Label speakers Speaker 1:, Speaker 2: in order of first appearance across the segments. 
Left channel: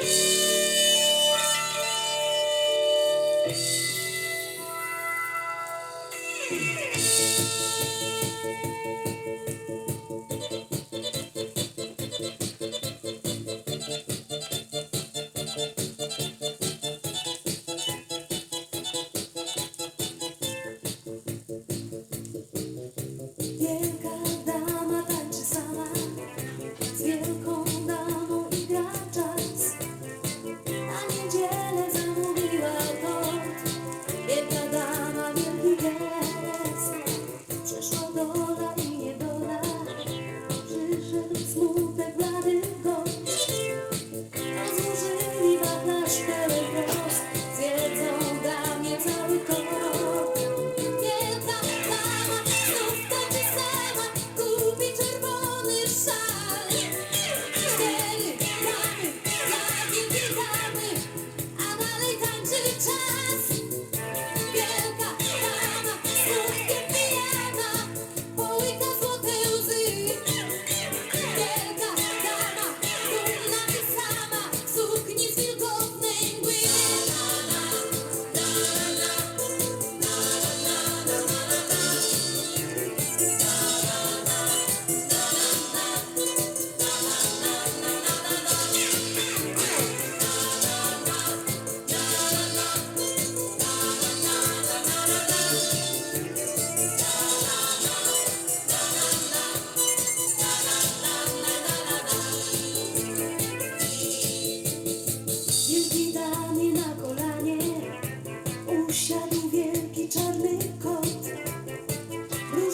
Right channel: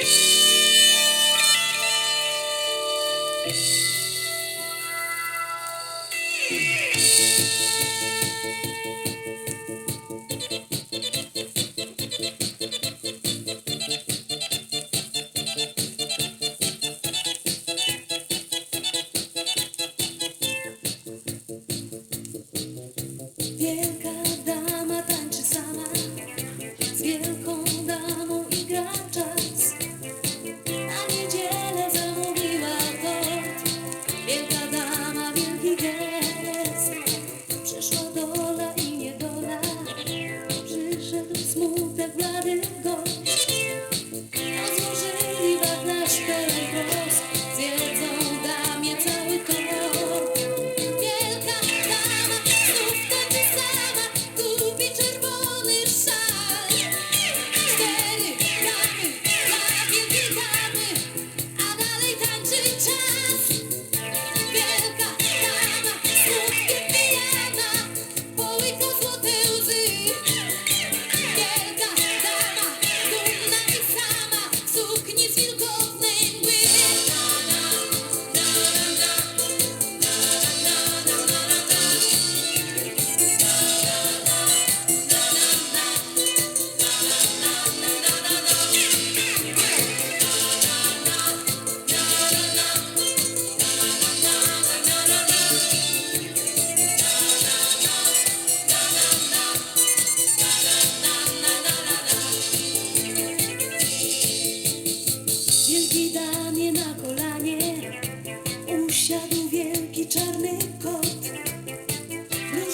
Speaker 1: Wielka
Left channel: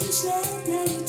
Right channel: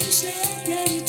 Speaker 1: düşlerden